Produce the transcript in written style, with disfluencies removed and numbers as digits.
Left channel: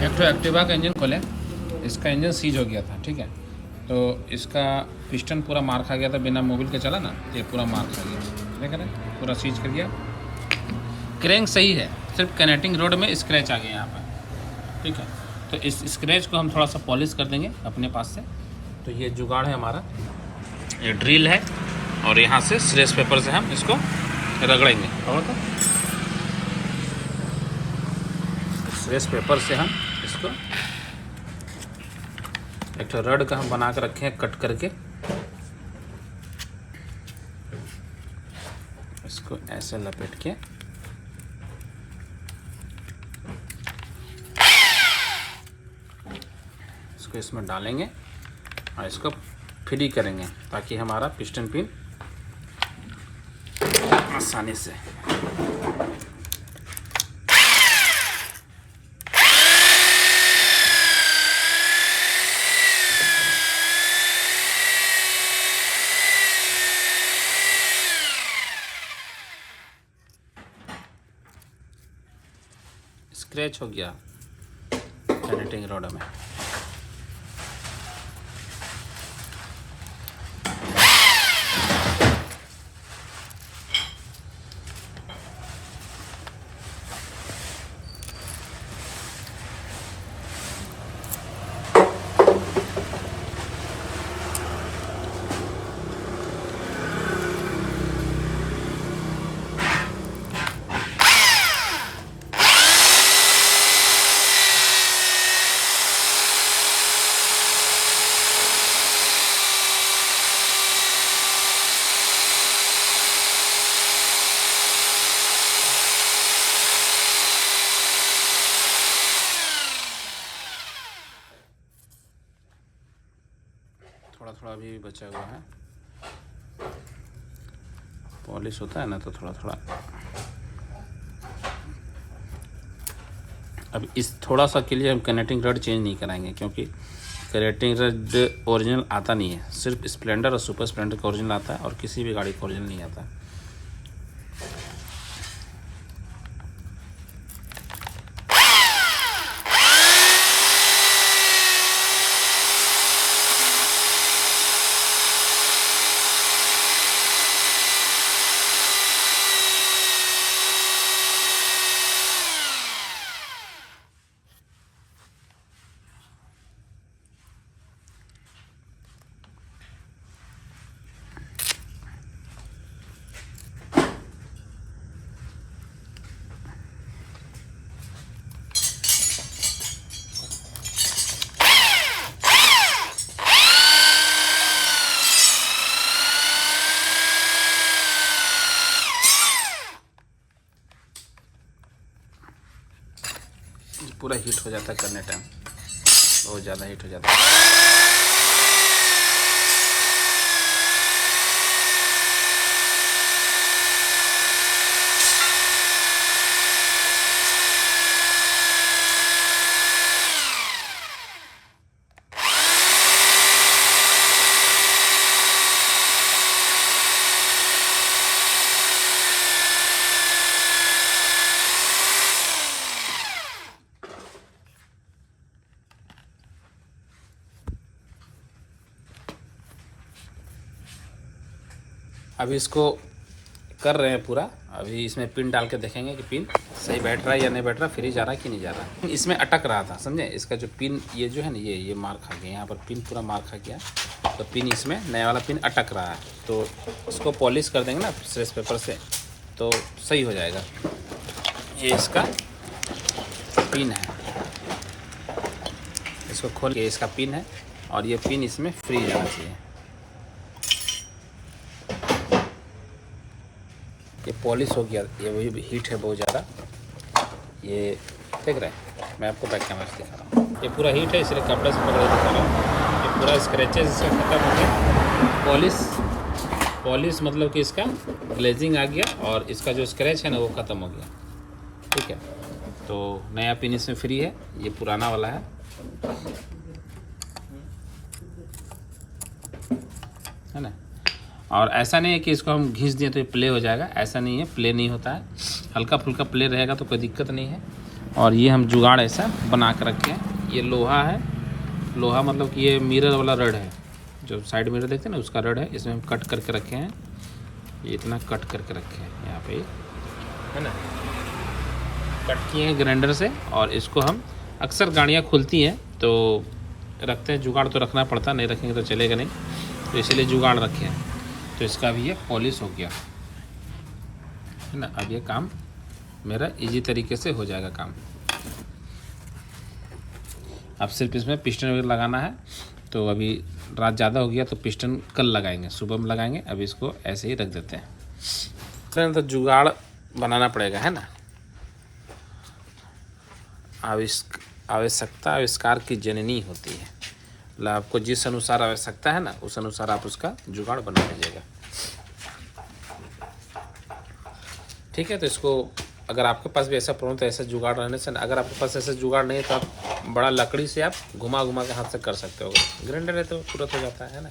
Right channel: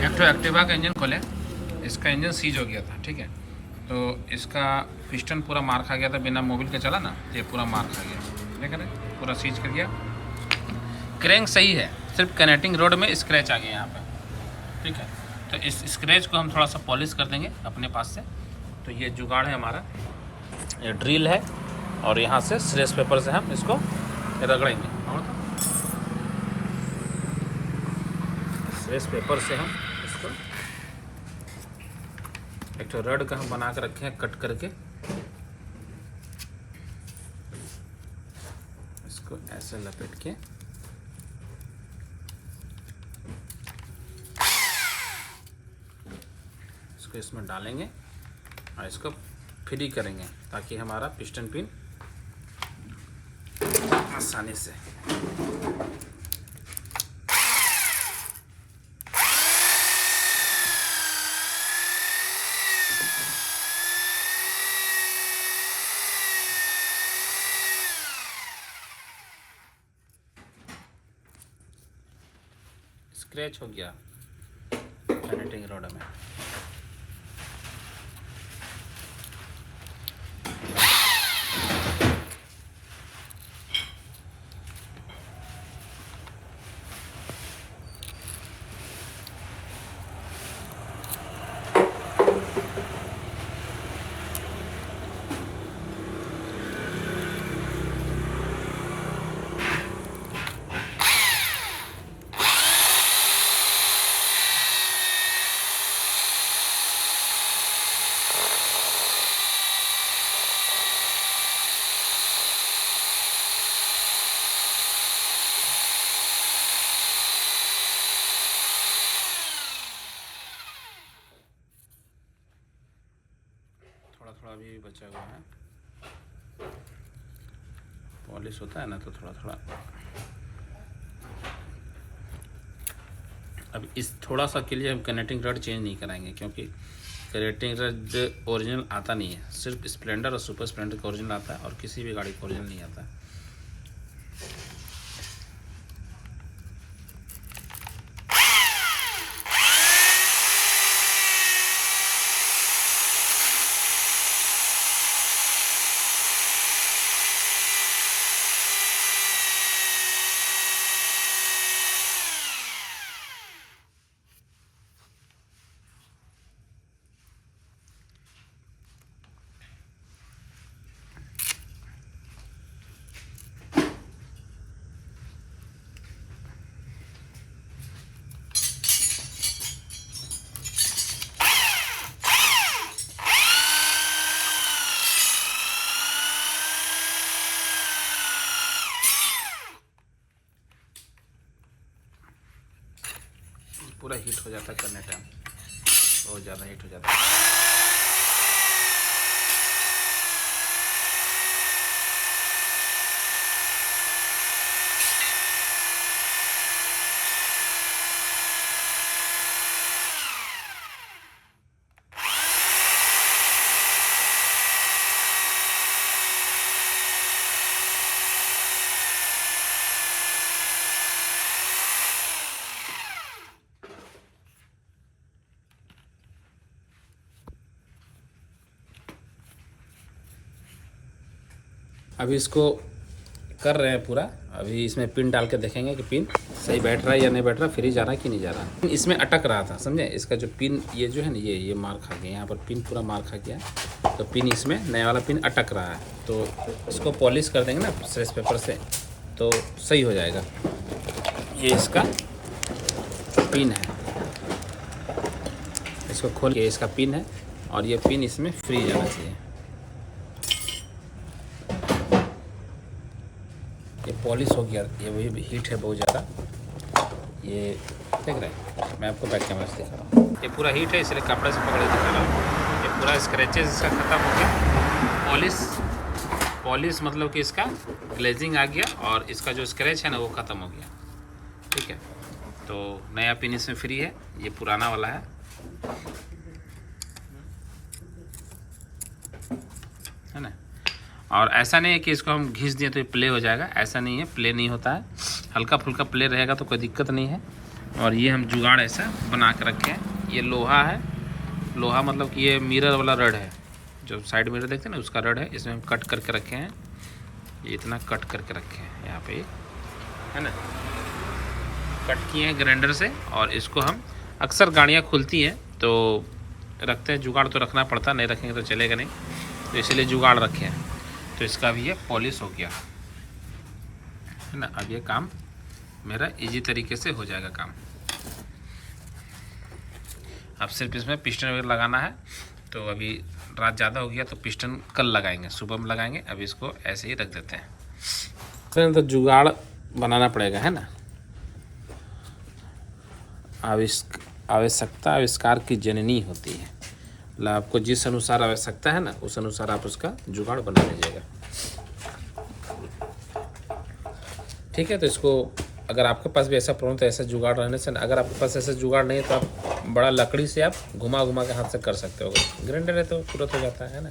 एक तो एक्टिवा का इंजन खोले, इसका इंजन सीज हो गया था, ठीक है। तो इसका पिस्टन पूरा मार खा गया था, बिना मोबिल के चला ना, ये पूरा मार खा गया, देख रहे हैं, पूरा सीज कर गया। क्रैंक सही है, सिर्फ कनेक्टिंग रोड में स्क्रैच आ गया यहाँ पर, ठीक है। तो इस स्क्रैच को हम थोड़ा सा पॉलिश कर देंगे अपने पास से। तो ये जुगाड़ है हमारा, ये ड्रिल है, और यहाँ से स्ट्रेस पेपर से हम इसको रगड़ेंगे। और तो स्ट्रेस पेपर से हम इसको एक तो रड का हम बना कर रखे हैं कट करके, इसको ऐसे लपेट के इसको इसमें डालेंगे और इसको फ्री करेंगे ताकि हमारा पिस्टन पिन आसानी से स्क्रैच हो गया कनेक्टिंग रोड में। थोड़ा थोड़ा भी बचा हुआ है, पॉलिश होता है ना तो थोड़ा थोड़ा। अब इस थोड़ा सा के लिए हम कनेक्टिंग रड चेंज नहीं कराएंगे, क्योंकि कनेक्टिंग रड ओरिजिनल आता नहीं है, सिर्फ स्प्लेंडर और सुपर स्प्लेंडर का ओरिजिनल आता है और किसी भी गाड़ी का ओरिजिनल नहीं आता। पूरा हीट हो जाता है करने टाइम, बहुत ज़्यादा हीट हो जाता है। अभी इसको कर रहे हैं पूरा, अभी इसमें पिन डाल के देखेंगे कि पिन सही बैठ रहा है या नहीं बैठ रहा, फ्री जा रहा है कि नहीं जा रहा। इसमें अटक रहा था, समझे, इसका जो पिन ये जो है ना, ये मार खा गया, यहाँ पर पिन पूरा मार खा गया, तो पिन इसमें नया वाला पिन अटक रहा है। तो इसको पॉलिश कर देंगे ना स्ट्रेस पेपर से तो सही हो जाएगा। ये इसका पिन है, इसको खोल के इसका पिन है और ये पिन इसमें फ्री जाना चाहिए। ये पॉलिश हो गया, ये भी हीट है बहुत ज़्यादा, ये देख रहे हैं, मैं आपको बैक कैमरा से दिखा रहा हूँ, ये पूरा हीट है इसलिए कपड़े से पकड़ के दिखा रहा हूँ। ये पूरा स्क्रैचेस इसका ख़त्म हो गया, पॉलिश मतलब कि इसका ग्लेजिंग आ गया और इसका जो स्क्रैच है ना वो ख़त्म हो गया, ठीक है। तो नया पिन इसमें फ्री है, ये पुराना वाला है ना। और ऐसा नहीं है कि इसको हम घिस दिए तो ये प्ले हो जाएगा, ऐसा नहीं है, प्ले नहीं होता है, हल्का फुल्का प्ले रहेगा तो कोई दिक्कत नहीं है। और ये हम जुगाड़ ऐसा बना कर रखे हैं। ये लोहा है, लोहा मतलब कि ये मिरर वाला रड है, जो साइड मिरर देखते हैं ना उसका रड है। इसमें हम कट करके रखे हैं, ये इतना कट करके रखे हैं यहाँ पे, है ना, कट किए हैं ग्राइंडर से। और इसको हम अक्सर गाड़ियाँ खुलती हैं तो रखते हैं, जुगाड़ तो रखना पड़ता, नहीं रखेंगे तो चलेगा नहीं, तो इसीलिए जुगाड़ रखे हैं। तो इसका भी ये पॉलिश हो गया है ना। अब ये काम मेरा इजी तरीके से हो जाएगा काम। अब सिर्फ इसमें पिस्टन वगैरह लगाना है। तो अभी रात ज़्यादा हो गया तो पिस्टन कल लगाएंगे, सुबह में लगाएंगे। अभी इसको ऐसे ही रख देते हैं। तो जुगाड़ बनाना पड़ेगा, है ना। आवश्यकता आविष्कार की जननी होती है, मतलब आपको जिस अनुसार आवश्यकता है ना उस अनुसार आप उसका जुगाड़ बना लीजिएगा। ठीक है, तो इसको अगर आपके पास भी ऐसा प्रॉब्लम तो ऐसा जुगाड़ रहने से, अगर आपके पास ऐसा जुगाड़ नहीं है तो आप बड़ा लकड़ी से आप घुमा घुमा के हाथ से कर सकते हो। ग्राइंडर है तो तुरंत हो जाता है ना।